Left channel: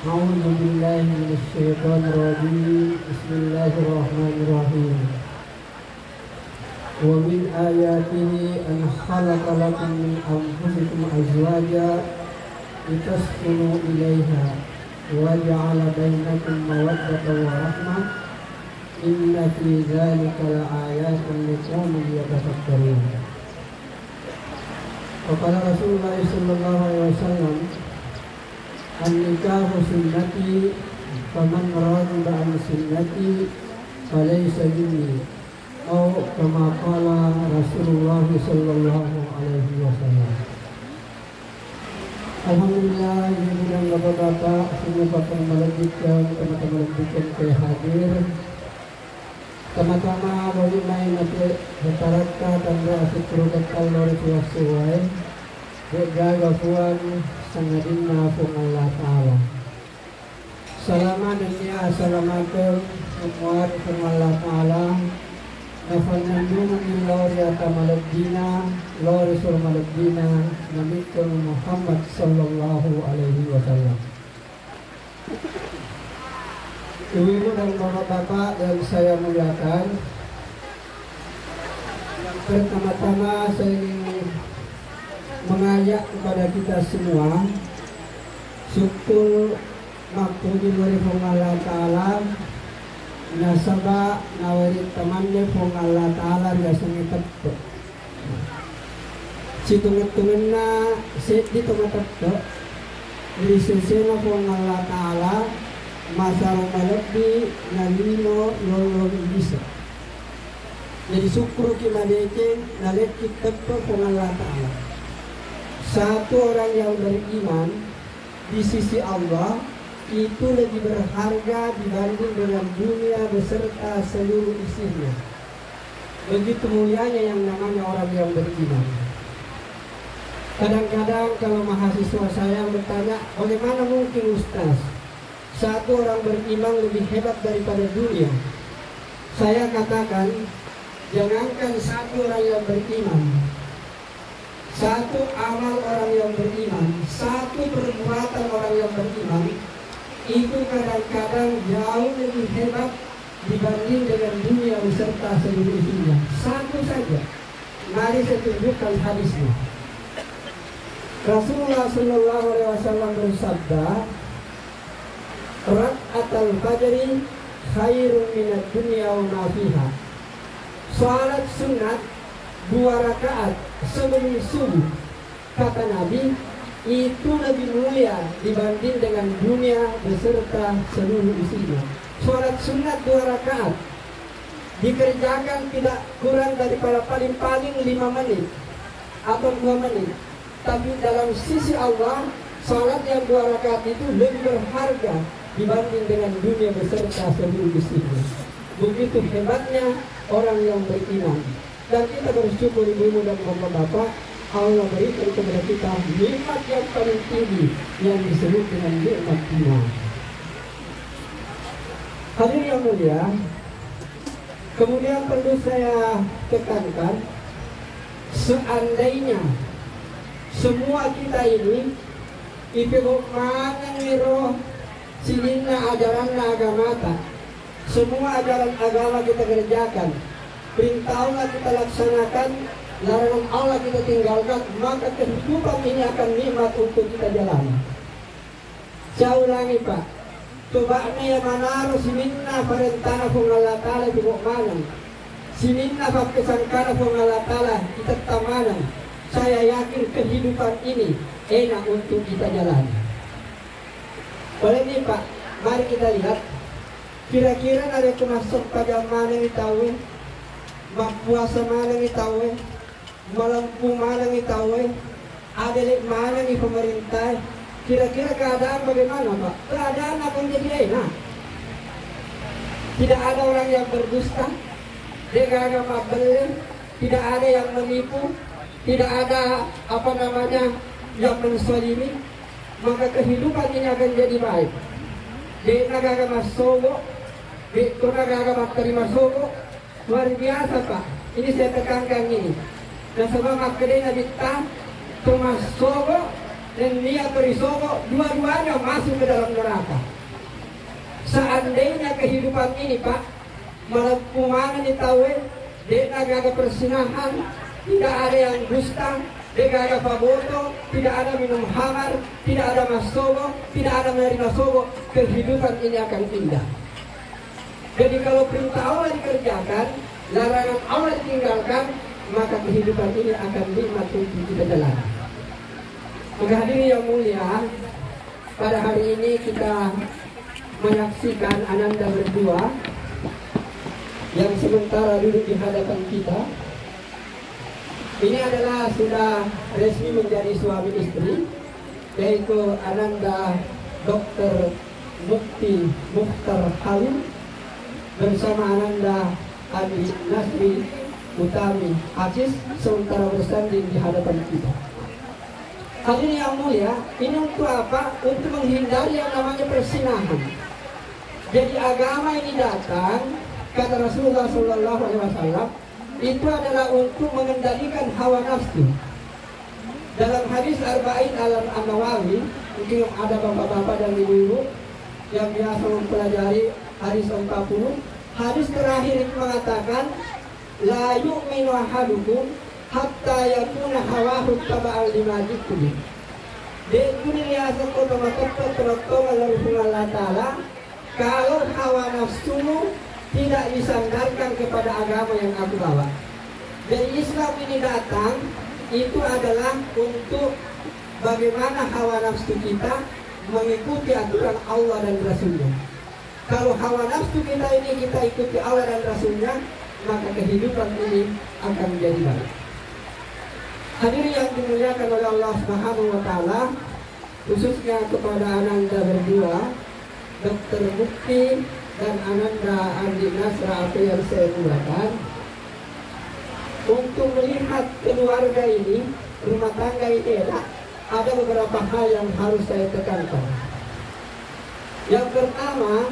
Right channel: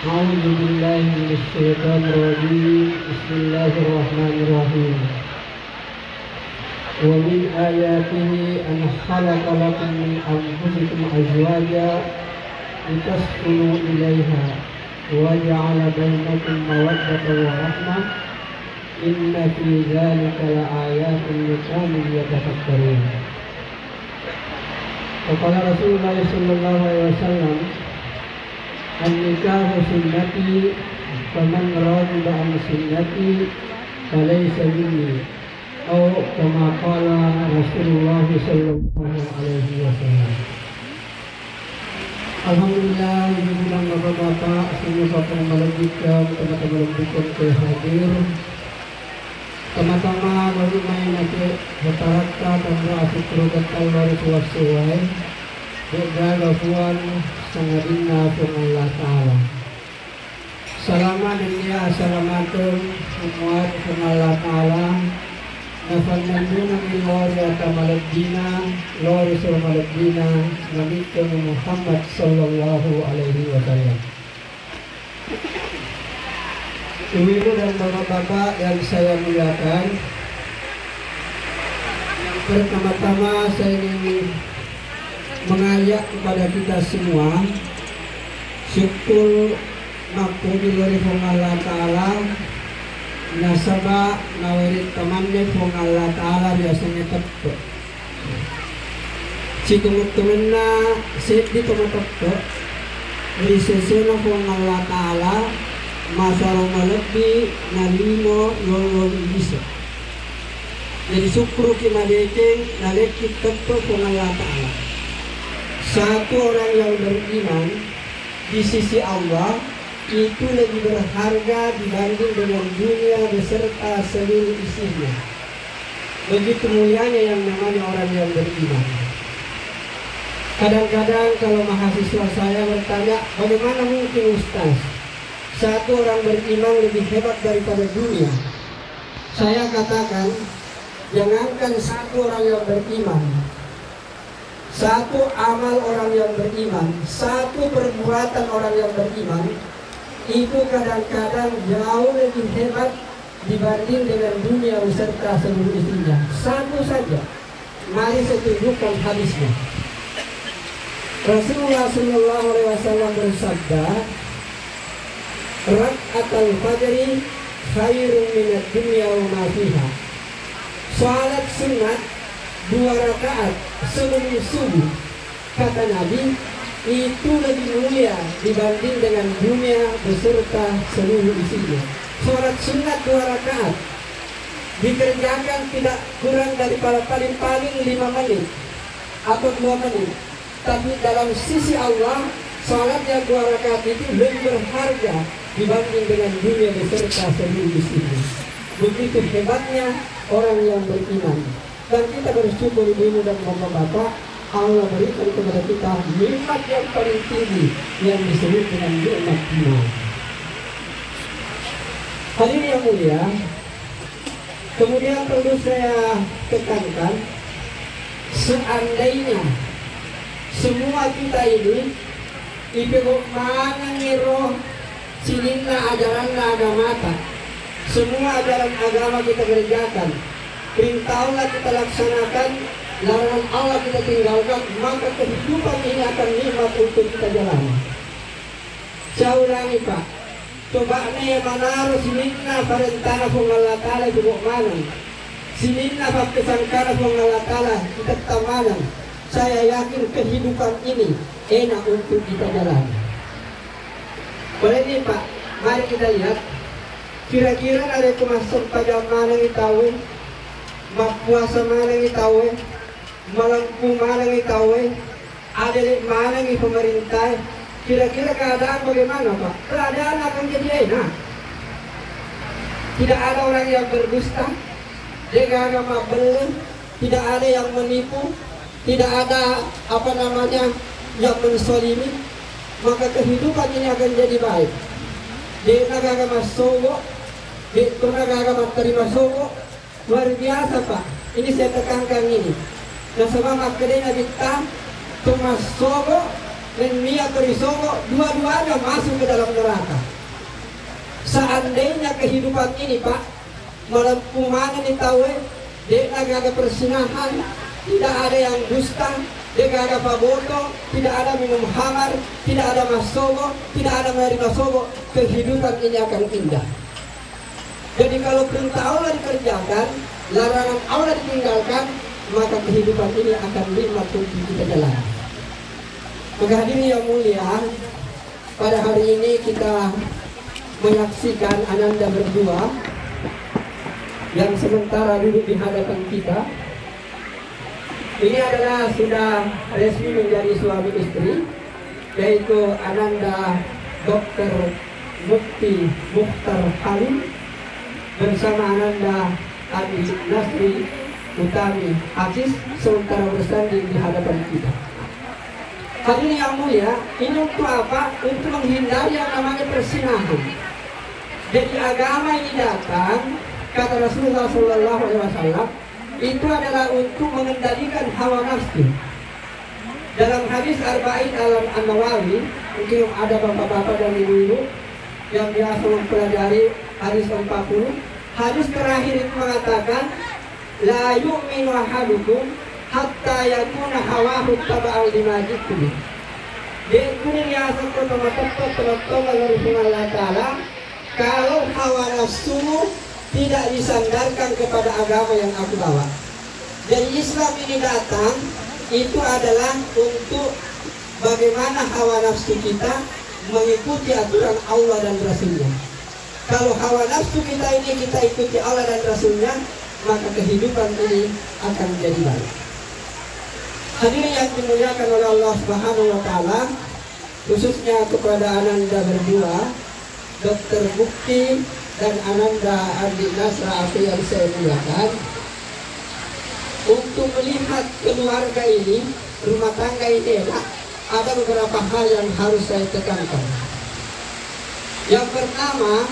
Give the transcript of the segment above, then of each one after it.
أعوذ بالله من الشيطان الرجيم. بسم الله الرحمن الرحيم. ومن آياته أن خلق لكم من أنفسكم أزواجا لتسكنوا إليها وجعل بينكم مودة ورحمة إن في ذلك لآيات لقوم يتفكرون. وقال رسول الله صلى الله عليه وسلم النكاح سنتي فمن رغب عن سنتي فليس مني أو كما قال رسول الله صلى الله عليه وسلم. Alhamdulillah, bimbingan Bapak-bapak, semua bapak yang melanjutkan, teman-teman melanjutkan ke hadir. Teman-teman bagi main nanti rata-rata dan berasik berdekat dari suai berjaga puan sangat indah Allah Ta'ala. Salaman dunia, assalamualaikum warahmatullahi Allah Ta'ala. Nafal nandun ilawar yata malabdina lawar isra malabdina Nabikan Muhammad sallallahu alaihi wasallam. Ibu dan bapak-bapak yang saya muliakan, yang pertama-tama saya ingin mengajak kepada kita semua syukur makbul dari Allah Ta'ala. Nasabah nawarit temannya pun Allah Ta'ala biasanya tepat. Si teman-teman na set di teman-teman dari sesena pun Allah Ta'ala masalah malabdi nalino lolo bisa. Jadi syukur kita deking nalekit tepat pun Allah Ta'ala. Satu orang yang beriman di sisi Allah itu lebih berharga dibanding dengan dunia beserta seluruh isinya. Begitu mulianya yang namanya orang yang beriman. Kadang-kadang kalau mahasiswa saya bertanya, bagaimana mungkin Ustaz satu orang beriman lebih hebat daripada dunia? Saya katakan, jangankan satu orang yang beriman, satu amal orang yang beriman, satu perbuatan orang yang beriman itu kadang-kadang jauh lebih hebat dibanding dengan dunia beserta seluruh isinya. Satu saja, mari saya tunjukkan hadisnya. Rasulullah sallallahu alaihi wasallam bersabda, "Rak'atul fajri khairun minad dunya wa ma fiha." Salat sunat 2 rakaat sebelum subuh, kata Nabi, itu lebih mulia dibanding dengan dunia beserta seluruh isinya. Salat sunat 2 rakaat dikerjakan tidak kurang daripada paling-paling 5 menit atau 2 menit. Tapi dalam sisi Allah, salat yang 2 rakaat itu lebih berharga dibanding dengan dunia beserta seluruh isinya. Begitu hebatnya orang yang beriman. Dan kita bersyukur ibu dan bapak-bapak, Allah berikan kepada kita nikmat yang paling tinggi yang disebut dengan nikmat iman. Hadirin yang mulia, kemudian perlu saya tekankan, seandainya semua kita ini ipegok mangiro sininna ajaran agama, semua ajaran agama kita kerjakan, perintah Allah kita laksanakan, larangan Allah kita tinggalkan, maka kehidupan ini akan nikmat untuk kita jalani. Saya ulangi Pak, coba nih manaro sininna parentana kung Allah Ta'ala bubuk manan, sininna pakesangkara kung Allah Ta'ala kita tamanan. Saya yakin kehidupan ini enak untuk kita jalani. Boleh nih Pak, mari kita lihat kira-kira ada termasuk pada mana yang tahu, puasa mana yang tahu, melampu mana yang tahu, ada di mana yang pemerintah. Kira-kira keadaan bagaimana Pak? Keadaan akan jadi enak. Tidak ada orang yang berdusta, agama beli, tidak ada yang menipu, tidak ada yang mensolimi, maka kehidupan ini akan jadi baik. Di negara Masowo, di negara terima Sowo, luar biasa Pak. Ini saya tekankan ini. Dan sebab makanya kita Tumas Sowo dan Mia Torisogo, dua-duanya masuk ke dalam neraka. Seandainya kehidupan ini Pak, malam ditahu, dia gagal persinahan, tidak ada yang dusta, dia gagal paboto, tidak ada minum hamar, tidak ada masogo, tidak ada menerima sogo, kehidupan ini akan indah. Jadi kalau perintah Allah dikerjakan, larangan Allah ditinggalkan, maka kehidupan ini akan nikmat untuk kita jalani. Maka hadirin yang mulia, pada hari ini kita menyaksikan Ananda berdua yang sementara duduk di hadapan kita. Ini adalah sudah resmi menjadi suami istri, yaitu Ananda Dr. Mukti Mukhtar Halim bersama Ananda Adi Nasri Utami Aziz sementara bersanding di hadapan kita. Hadirin yang mulia, ini untuk apa? Untuk menghindari yang namanya persinahan. Jadi agama ini datang, kata Rasulullah SAW, itu adalah untuk mengendalikan hawa nafsu. Dalam hadis Arba'in An-Nawawi, mungkin ada bapak-bapak dan ibu-ibu yang biasa mempelajari hadis 40. Hadis terakhir itu mengatakan, la yu'minu ahadukum hatta yakuna hawahu taba'al lima jitu. Dia dunia satu teman-teman Allah Ta'ala, kalau hawa nafsu tidak disandarkan kepada agama yang aku bawa. Jadi Islam ini datang itu adalah untuk bagaimana hawa nafsu kita mengikuti aturan Allah dan Rasulnya. Kalau hawa nafsu kita ini kita ikuti Allah dan Rasulnya, maka kehidupan ini akan menjadi baik. Hadirin yang dimuliakan oleh Allah Subhanahu wa Ta'ala, khususnya kepada Ananda berdua, Dr. Mukti dan Ananda Adi Nasra apa yang saya muliakan, untuk melihat keluarga ini, rumah tangga ini, ada beberapa hal yang harus saya tekankan. Yang pertama,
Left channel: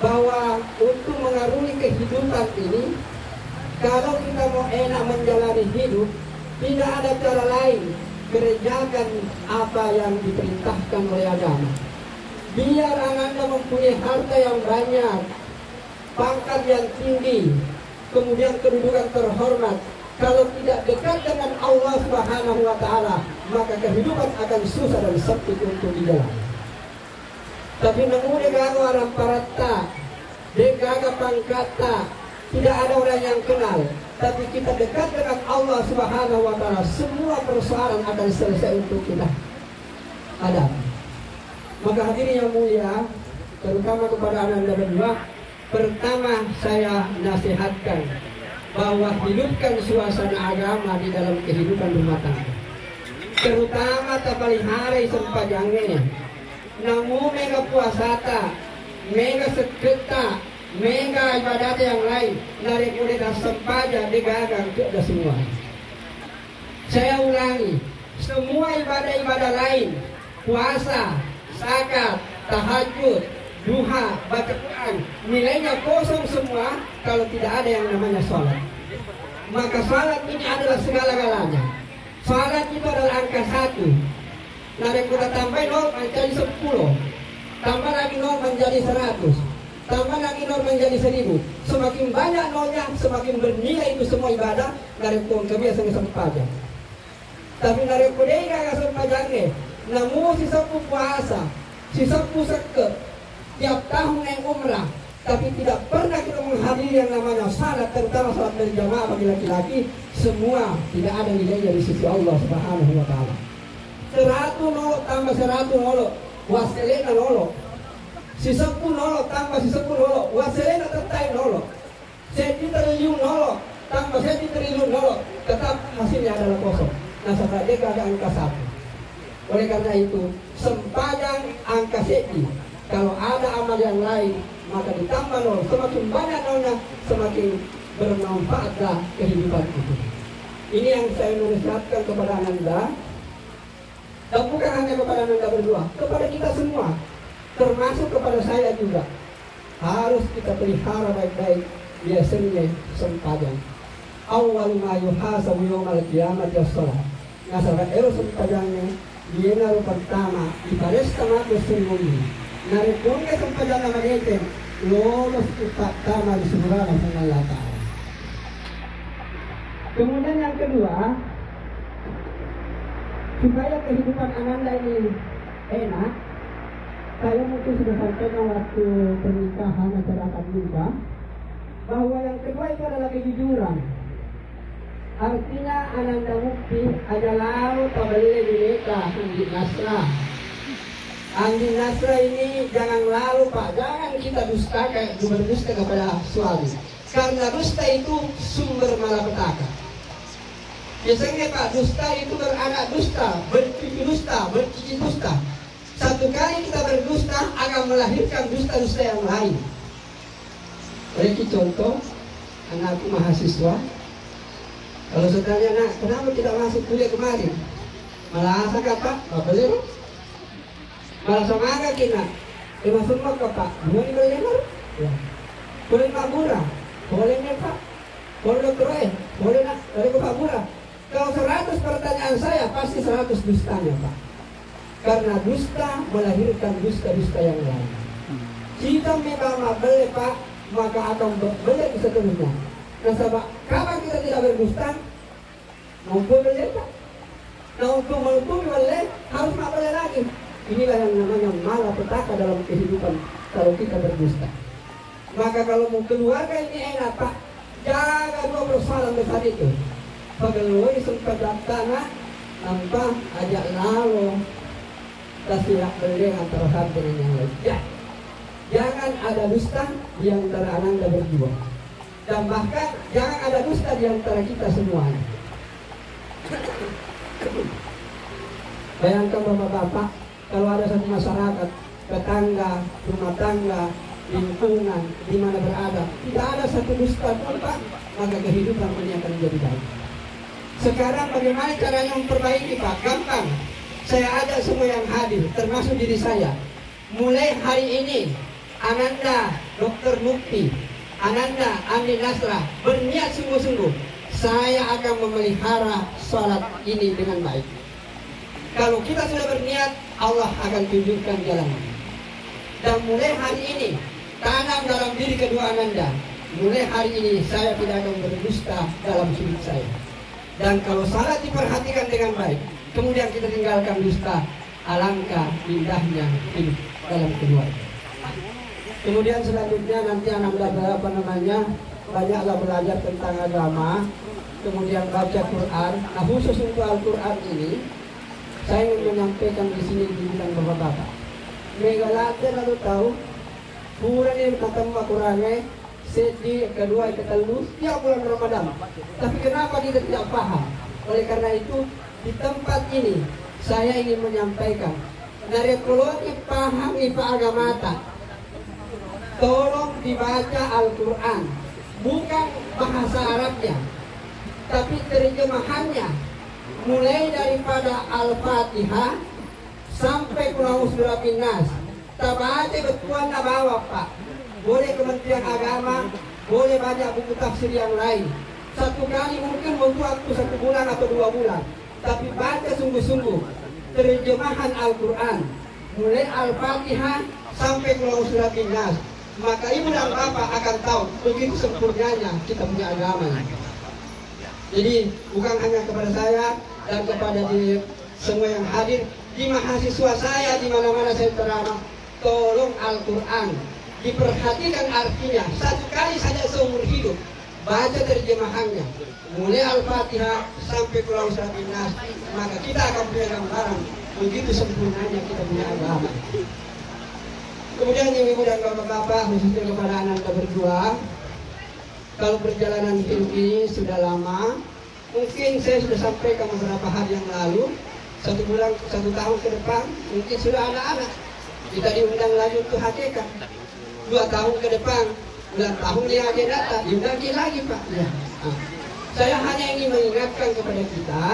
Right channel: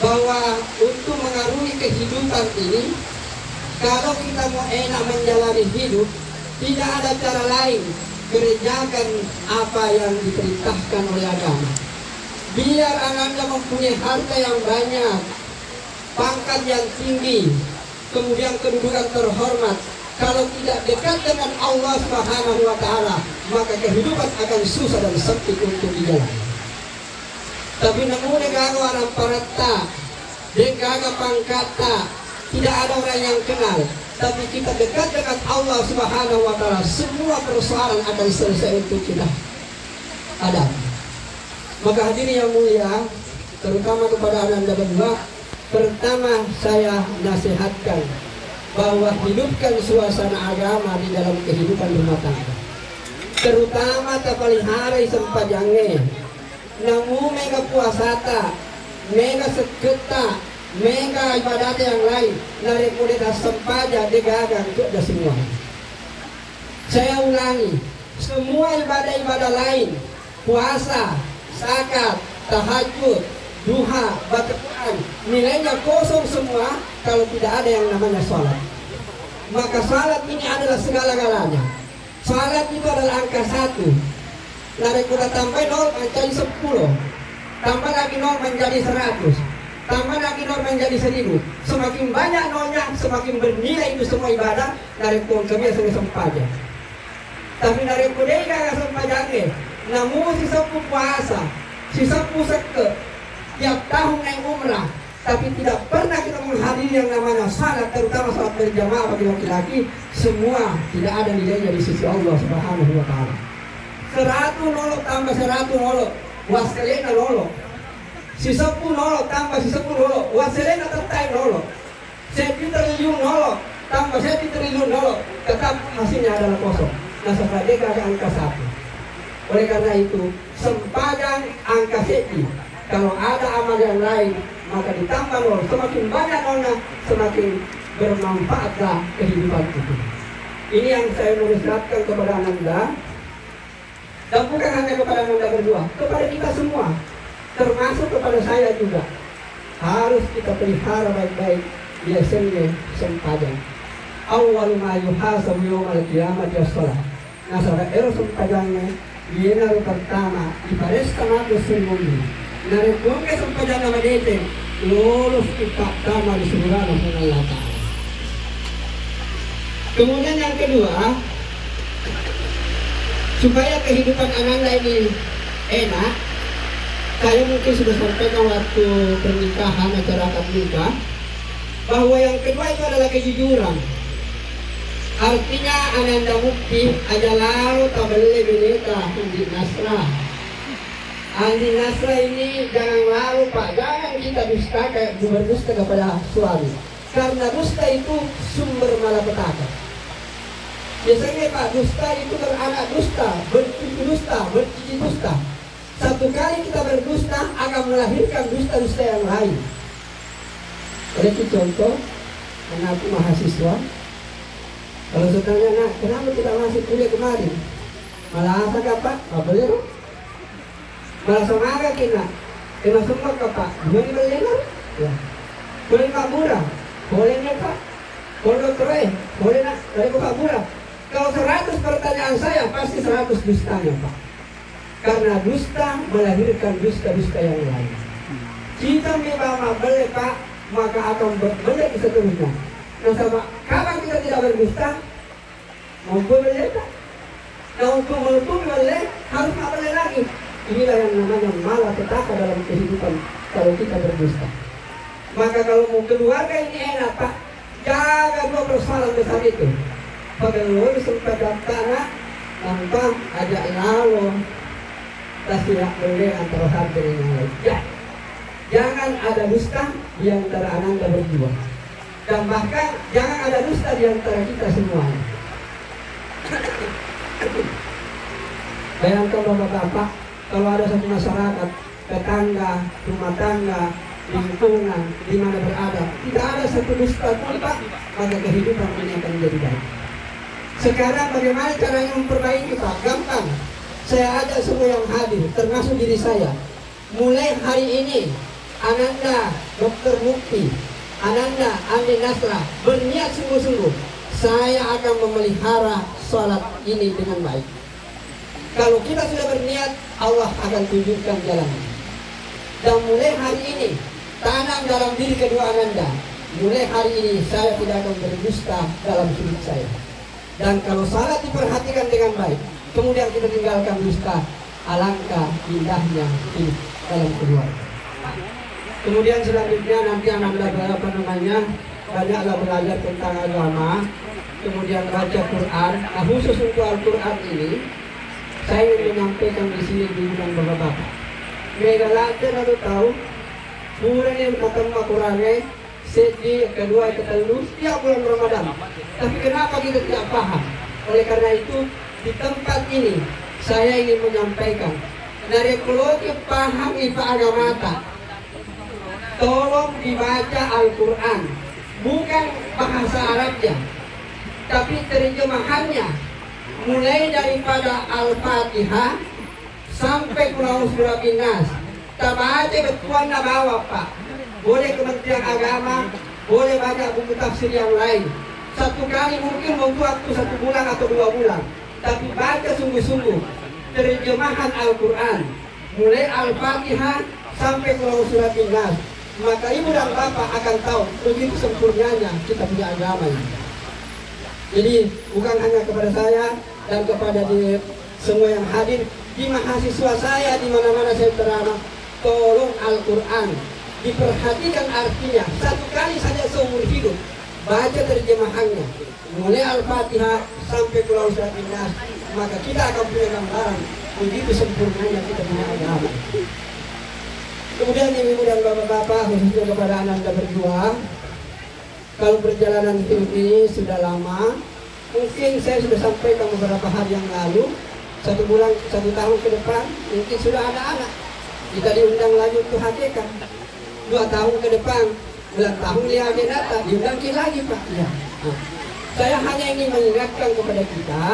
bahwa untuk mengarungi kehidupan ini, kalau kita mau enak menjalani hidup, tidak ada cara lain, kerjakan apa yang diperintahkan oleh agama. Biar Anda mempunyai harta yang banyak, pangkat yang tinggi, kemudian kedudukan terhormat, kalau tidak dekat dengan Allah Subhanahu wa Ta'ala, maka kehidupan akan susah dan sempit untuk dijalani. Tapi namun degaga orang parata, degaga pangkata, tidak ada orang yang kenal. Tapi kita dekat dengan Allah Subhanahu wa Ta'ala, semua persoalan akan selesai untuk kita ada. Maka hadirin yang mulia, terutama kepada Ananda berdua, pertama saya nasihatkan bahwa hidupkan suasana agama di dalam kehidupan rumah tangga. Terutama tapalihara sempajangnya, namun mega puasata, mega seketa, mega ibadat yang lain, dari mulai sempaja digagang ke semua. Saya ulangi, semua ibadah-ibadah lain, puasa, zakat, tahajud, duha, baca Quran, nilainya kosong semua kalau tidak ada yang namanya sholat. Maka sholat ini adalah segala-galanya. Sholat itu adalah angka 1. Lalu kita tambah 0 menjadi 10, tambah lagi 0 menjadi 100, tambah lagi 0 menjadi 1000. Semakin banyak nolnya, semakin bernilai itu semua ibadah. Dari kebiasaan sempaja. Tapi dari kudai gak sempajangnya, namun si sepuh puasa, si sepuh seket, tiap tahun naik umrah, tapi tidak pernah kita menghadiri yang namanya salat, terutama salat berjamaah bagi laki-laki, semua tidak ada nilainya di sisi Allah Subhanahu wa Ta'ala. 100 nolo tambah 100 nolo, waselena nolo. Si 10 nolo tambah si 10 nolo, waselena tertai nolo. 1 triliun nolo tambah 1 triliun nolo, tetap hasilnya adalah kosong. Nah, sebagai angka 1. Oleh karena itu, sempajang angka 1. Kalau ada amal yang lain, maka ditambah nol. Semakin banyak nolnya, semakin bermanfaatlah kehidupan itu. Ini yang saya menisratkan kepada Ananda. Dan bukan hanya kepada Ananda berdua, kepada kita semua, termasuk kepada saya juga. Harus kita pelihara baik-baik biasanya sempajang. Awal ma yuhasabu yawmal qiyamati as-shalah. Nah, saudara sempajangnya Yena pertama ibares tamato sumuni. Narekonga sampajan nama dete lolos pertama di surga ng Allah Ta'ala. Kemudian yang kedua, supaya kehidupan Ananda ini enak, saya mungkin sudah sampaikan waktu pernikahan acara akad nikah bahwa yang kedua itu adalah kejujuran. Artinya Ananda Mukti aja lalu tabeli bineka Andi Nasra. Andi Nasra ini jangan lalu Pak, jangan kita dusta kayak berdusta kepada suami. Karena dusta itu sumber malapetaka. Biasanya Pak, dusta itu beranak dusta, bercucu dusta, bercici dusta. Satu kali kita berdusta akan melahirkan dusta-dusta yang lain. Ada contoh, anak mahasiswa. Kalau saya tanya, nah, kenapa tidak masuk kuliah kemarin? Malah asa Pak, apa beliau? Malah semangat kita. Kena semua Pak, boleh belajar? Ya. Boleh Pak Murah? Bolehnya Pak? Boleh boleh nak? Boleh Pak Murah? Kalau 100 pertanyaan saya, pasti 100 dustanya Pak. Karena dusta melahirkan dusta-dusta yang lain. Jika memang boleh Pak, maka akan banyak seterusnya. Nah sama, kapan kita tidak berdusta? Mampu boleh tak? Nah untuk mampu boleh, harus tak boleh lagi. Inilah yang namanya malapetaka dalam kehidupan kalau kita berdusta. Maka kalau mau keluarga ini enak Pak, jaga 2 persoalan besar itu. Pegawai sempat tanah tanpa ada lalu, tak tidak boleh antara satu dengan yang lain. Ya, jangan ada dusta di antara Ananda berdua. Dan bahkan jangan ada dusta di antara kita semua. Bayangkan Bapak-bapak, kalau ada satu masyarakat, tetangga, rumah tangga, lingkungan, di mana berada, tidak ada satu dusta pun Pak, maka kehidupan ini akan menjadi baik. Sekarang bagaimana caranya memperbaiki Pak? Gampang. Saya ajak semua yang hadir, termasuk diri saya. Mulai hari ini, Ananda Dr. Mukti, Ananda Andi Nasra berniat sungguh-sungguh, saya akan memelihara sholat ini dengan baik. Kalau kita sudah berniat, Allah akan tunjukkan jalannya. Dan mulai hari ini, tanam dalam diri kedua Ananda. Mulai hari ini saya tidak akan berdusta dalam hidup saya. Dan kalau salah diperhatikan dengan baik, kemudian kita tinggalkan dusta, alangkah indahnya hidup dalam keluarga. Kemudian selanjutnya nanti anak belajar banyaklah belajar tentang agama, kemudian baca Quran. Nah, khusus untuk Al-Quran ini, saya ingin menyampaikan di sini di bulan Bapak. Mereka lalu tahu, bulan yang ketemu Qurannya, segi kedua ketemu setiap bulan Ramadan. Tapi kenapa kita tidak paham? Oleh karena itu, di tempat ini saya ingin menyampaikan dari keluarga paham ifa agama. Tolong dibaca Al-Quran, bukan bahasa Arabnya, tapi terjemahannya. Mulai daripada Al-Fatihah sampai Qul Surabin Nas. Tabaca betuan na bawa Pak. Boleh Kementerian Agama, boleh banyak buku tafsir yang lain. Satu kali mungkin butuh waktu 1 bulan atau 2 bulan. Tapi baca sungguh-sungguh terjemahan Al-Quran. Mulai Al-Fatihah sampai Qul Surabin Nas. Maka ibu dan bapak akan tahu begitu sempurnanya kita punya agama ini. Jadi bukan hanya kepada saya dan kepada semua yang hadir, di mahasiswa saya di mana-mana saya ceramah, tolong Al-Quran diperhatikan artinya. 1 kali saja seumur hidup baca terjemahannya, mulai Al-Fatihah sampai Qul Surabin Nas, maka kita akan punya gambaran begitu sempurnanya kita punya agama. Kemudian ibu dan bapak-bapak, khususnya kepada anak kita berdua, kalau perjalanan hidup ini sudah lama, mungkin saya sudah sampaikan beberapa hari yang lalu, 1 bulan, 1 tahun ke depan, mungkin sudah ada anak. Kita diundang lagi untuk hakikat. 2 tahun ke depan, bulan tahun dia aja datang, diundang lagi Pak. Ya. Nah, saya hanya ingin mengingatkan kepada kita,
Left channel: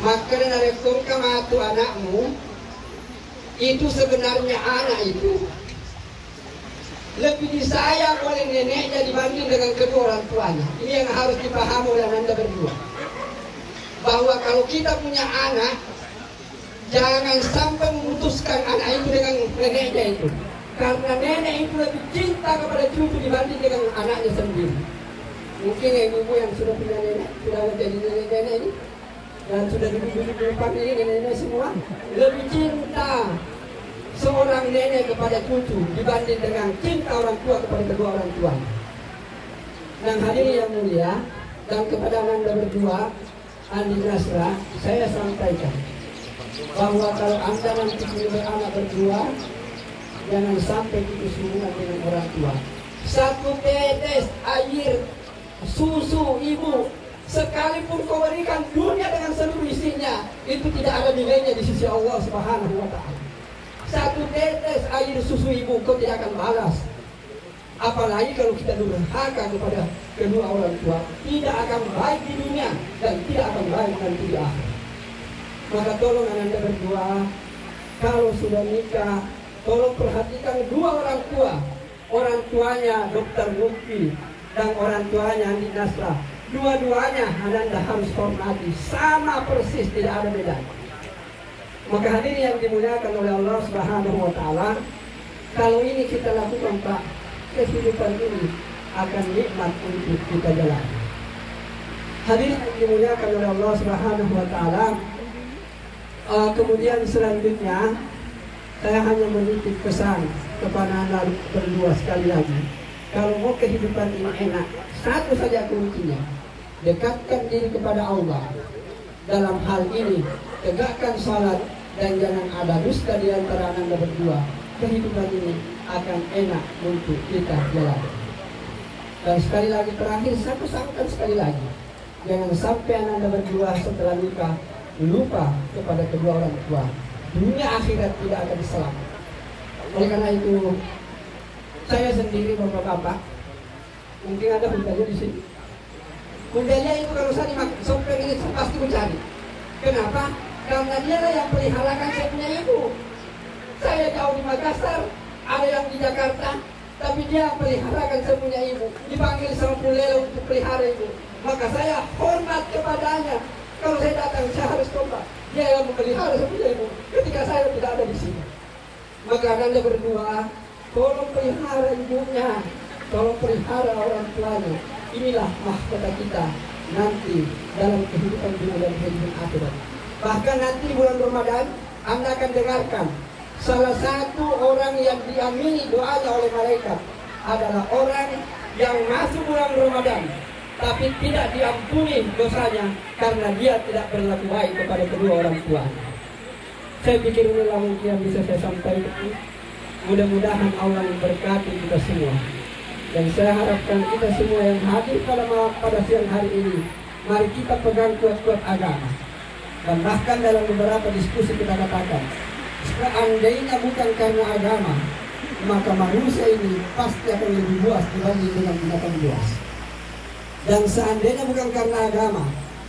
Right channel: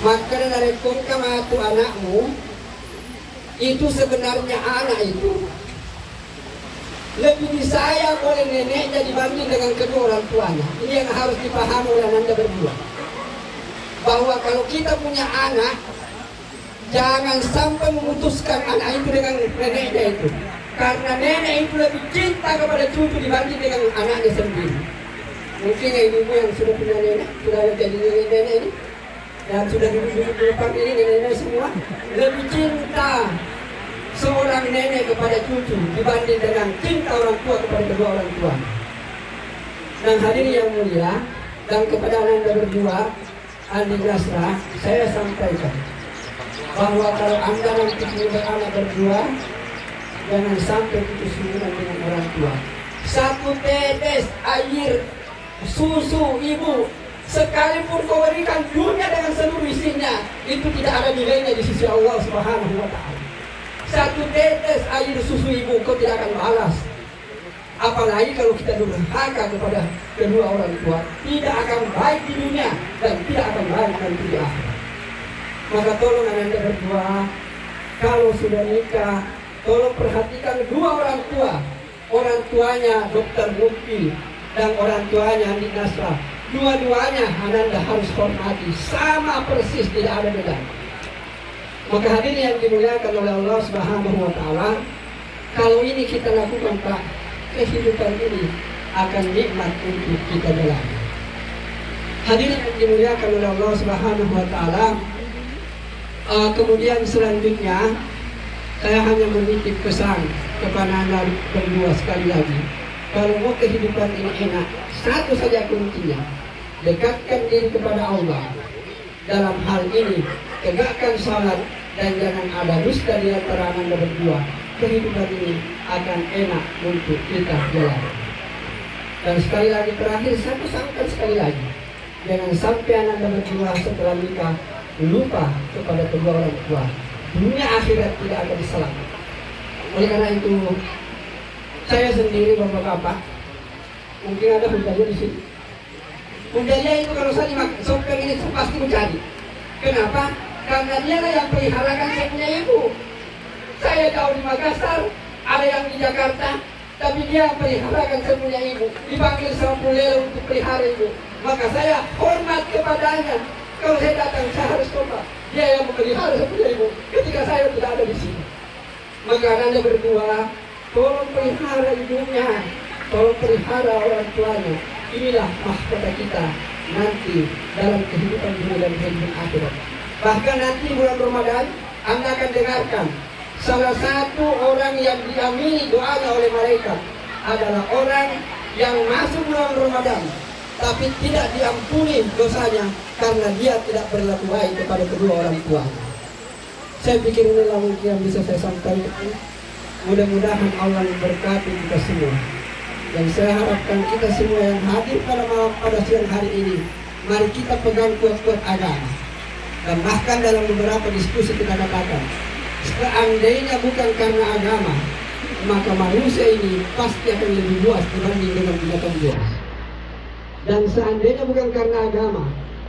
maka dari kamatu anakmu, itu sebenarnya anak itu lebih disayang oleh neneknya dibanding dengan kedua orang tuanya. Ini yang harus dipahami oleh Anda berdua. bahwa kalau kita punya anak, jangan sampai memutuskan anak itu dengan neneknya itu, karena nenek itu lebih cinta kepada cucu dibanding dengan anaknya sendiri. Mungkin ibu yang sudah punya nenek, sudah jadi nenek ini, dan sudah duduk-duduk di depan ini nenek semua, lebih cinta seorang nenek kepada cucu dibanding dengan cinta orang tua kepada kedua orang tua. Dan hadirin yang mulia, dan kepada anda berdua, Andi Nasra, saya sampaikan bahwa kalau anda nanti punya anak berdua, jangan sampai putus hubungan dengan orang tua. Satu tetes air susu ibu, sekalipun kau berikan dunia dengan seluruh isinya, itu tidak ada nilainya di sisi Allah Subhanahu wa Ta'ala. Satu tetes air susu ibu kau tidak akan balas. Apalagi kalau kita durhaka kepada kedua orang tua, tidak akan baik di dunia dan tidak akan baik nanti di akhirat. Maka tolong anda berdua, kalau sudah nikah, tolong perhatikan dua orang tua. Orang tuanya Dr. Lutfi dan orang tuanya Andi Nasra. Dua-duanya anda harus hormati, sama persis, tidak ada beda. Maka hadirin yang dimuliakan oleh Allah Subhanahu wa Ta'ala, kalau ini kita lakukan, Pak, kehidupan ini akan nikmat untuk kita jalani. Hadirin yang dimuliakan oleh Allah Subhanahu wa Ta'ala, kemudian selanjutnya saya hanya menitip pesan kepada anda berdua sekali lagi. Kalau mau kehidupan ini enak, satu saja kuncinya, dekatkan diri kepada Allah. Dalam hal ini, tegakkan salat dan jangan ada dusta di antara anda berdua. Kehidupan ini akan enak untuk kita jalani. Dan sekali lagi terakhir, saya pesankan sekali lagi, jangan sampai anda berdua setelah nikah lupa kepada kedua orang tua. Dunia akhirat tidak akan diselamatkan. Oleh karena itu, saya sendiri beberapa, mungkin ada budaya di sini. Budaya itu kalau saya dimakan sopeng ini saya pasti mencari. Kenapa? Karena dia lah yang peliharakan saya punya ibu. Saya jauh di Makassar, ada yang di Jakarta, tapi dia peliharakan saya punya ibu. Dipanggil sama Pulel untuk pelihara ibu. Maka saya hormat kepadanya. Kalau saya datang, saya harus hormat. Dia yang memelihara saya punya ibu ketika saya tidak ada di sini. Maka anda berdua, tolong pelihara ibunya, tolong pelihara orang tuanya. Inilah mahkota kita nanti dalam kehidupan dunia dan kehidupan akhirat. Bahkan nanti bulan Ramadan, anda akan dengarkan salah satu orang yang diamini doanya oleh malaikat adalah orang yang masuk bulan Ramadan tapi tidak diampuni dosanya karena dia tidak berlaku baik kepada kedua orang tuanya. Saya pikir inilah mungkin yang bisa saya sampaikan. Mudah-mudahan Allah memberkati kita semua. Dan saya harapkan kita semua yang hadir pada siang hari ini, mari kita pegang kuat-kuat agama. Dan bahkan dalam beberapa diskusi kita katakan, seandainya bukan karena agama, maka manusia ini pasti akan lebih buas dibanding dengan binatang buas. Dan seandainya bukan karena agama,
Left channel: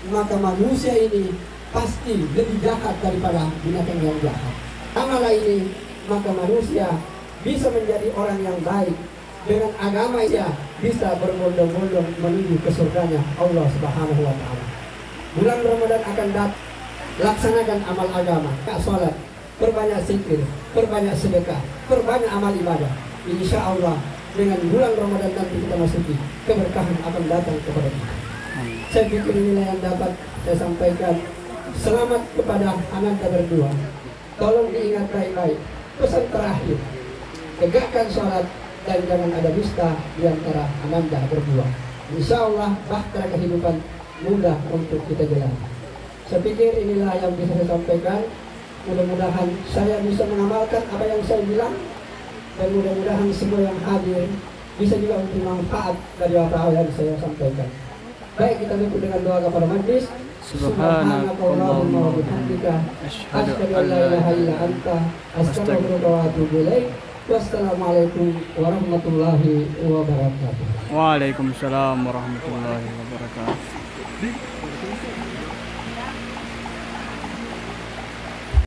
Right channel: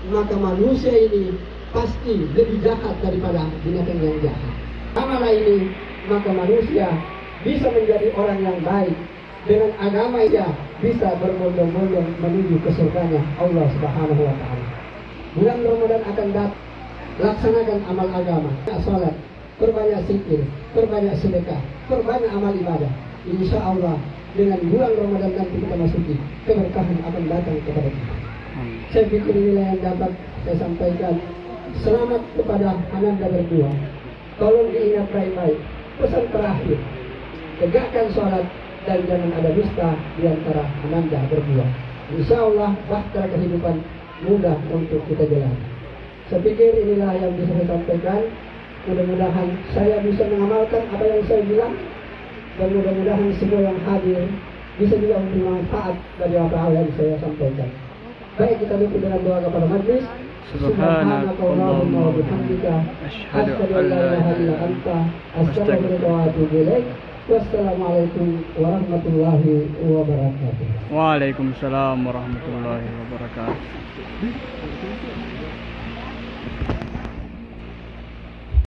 maka manusia ini pasti lebih jahat daripada binatang yang jahat. Amalah ini, maka manusia bisa menjadi orang yang baik. Dengan agama ia bisa berbondong-bondong menuju ke surganya Allah Subhanahu wa Ta'ala. Bulan Ramadan akan datang, laksanakan amal agama, salat, perbanyak zikir, perbanyak sedekah, perbanyak amal ibadah. Insya Allah dengan bulan Ramadan nanti kita masuki, keberkahan akan datang kepada kita. Saya pikir inilah yang dapat saya sampaikan. Selamat kepada ananda berdua. Tolong diingat baik-baik. Pesan terakhir, tegakkan salat dan jangan ada dusta di antara ananda berdua. Insya Allah bahtera kehidupan mudah untuk kita jalani. Saya pikir inilah yang bisa saya sampaikan. Mudah-mudahan saya bisa mengamalkan apa yang saya bilang, dan mudah-mudahan semua yang hadir bisa juga memberi manfaat dari apa yang saya sampaikan. Baik, kita tutup dengan doa kepada majlis. Subhanakallahumma wa bihamdika asyhadu an la ilaha illa anta astaghfiruka wa atubu ilaik. Wassalamualaikum warahmatullahi wabarakatuh. Waalaikumsalam warahmatullahi wabarakatuh.